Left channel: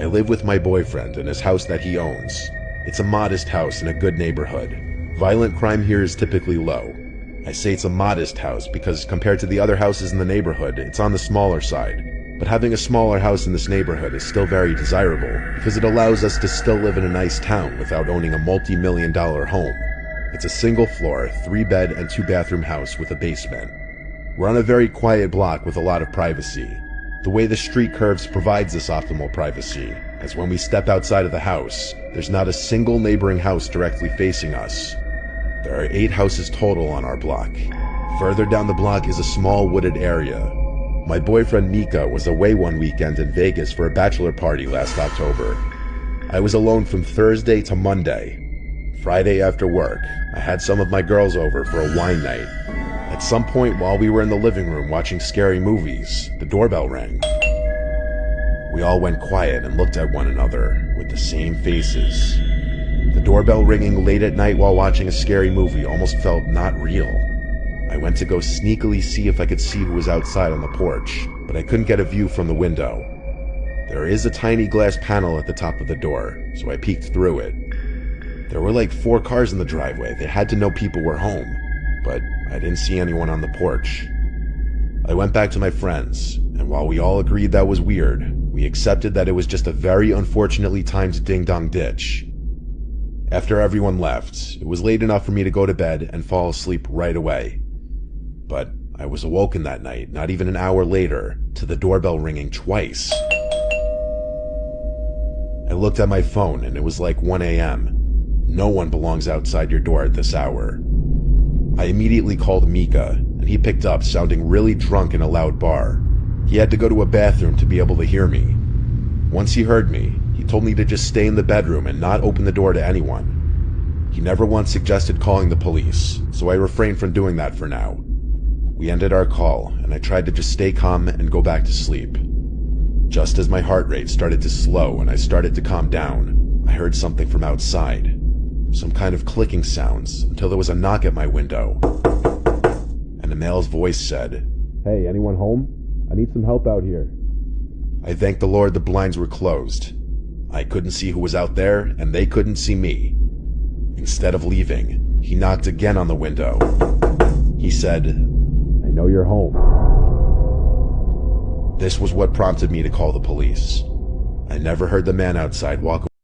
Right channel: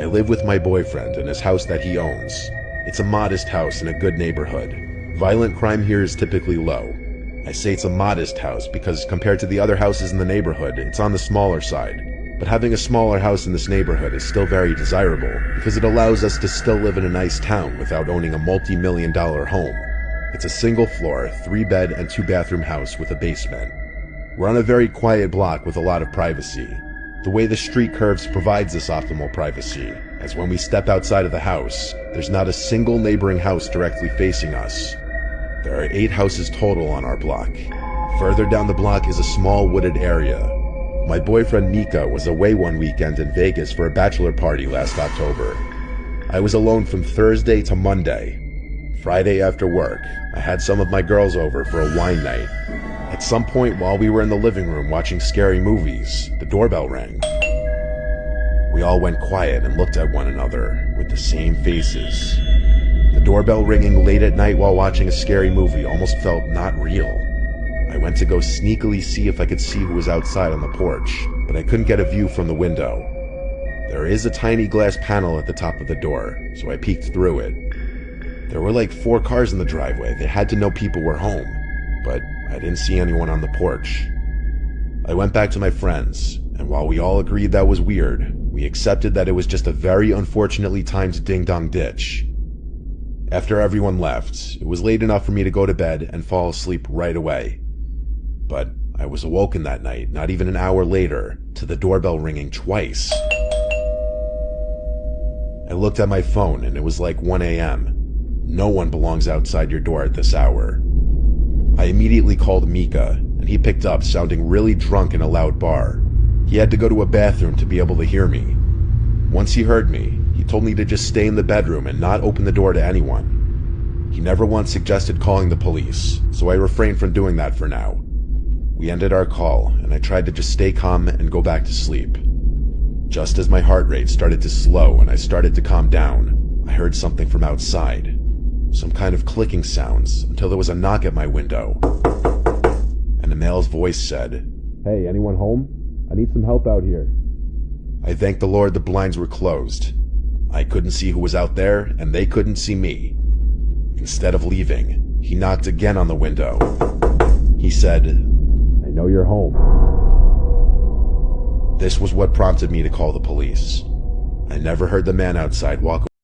I live with my boyfriend in his house that he owns. It's a modest house in a good neighborhood. Violent crime here is typically low. I say it's a modest house because compared to the other houses in the neighborhood, it's on the smaller side. But having a smaller house in this neighborhood is still very desirable because it allows us to still live in a nice town without owning a multi-million-dollar home. It's a single-floor, 3-bed and 2-bathroom house with a basement. We're on a very quiet block with a lot of privacy. The way the street curves provides this optimal privacy, as when we step outside of the house, there's not a single neighboring house directly facing us. There are 8 houses total on our block. Further down the block is a small wooded area. My boyfriend Mika was away one weekend in Vegas for a bachelor party last October. I was alone from Thursday to Monday. Friday after work, I had some of my girls over for a wine night. At some point while we were in the living room watching scary movies, the doorbell rang. We all went quiet and looked at one another with the same faces. The doorbell ringing late at night while watching a scary movie almost felt not real. I went to go sneakily see if I could see who was outside on the porch, but I couldn't get a view from the window. There is a tiny glass panel at the top of the door, so I peeked through it. There were like 4 cars in the driveway. They had to know people were home, but I didn't see anyone on the porch. I went back to my friends, and while we all agreed that was weird, we accepted that it was just a very unfortunately timed ding-dong ditch. After everyone left, it was late enough for me to go to bed and fall asleep right away. But I was awoken that night, not even an hour later, to the doorbell ringing twice. I looked at my phone and it was like 1 a.m. No one belongs outside your door at this hour. I immediately called Mika, and he picked up sounding really drunk in a loud bar. He had to go to a bathroom to be able to hear me. Once he heard me, he told me to just stay in the bedroom and not open the door to anyone. He never once suggested calling the police, so I refrained from doing that for now. We ended our call, and I tried to just stay calm and go back to sleep. Just as my heart rate started to slow and I started to calm down, I heard something from outside. Some kind of clicking sounds until there was a knock at my window. And a male's voice said, "Hey, anyone home? I need some help out here." I thanked the Lord the blinds were closed. I couldn't see who was out there, and they couldn't see me. Instead of leaving, he knocked again on the window. He said, "I know you're home." This was what prompted me to call the police. I never heard the man outside walk away.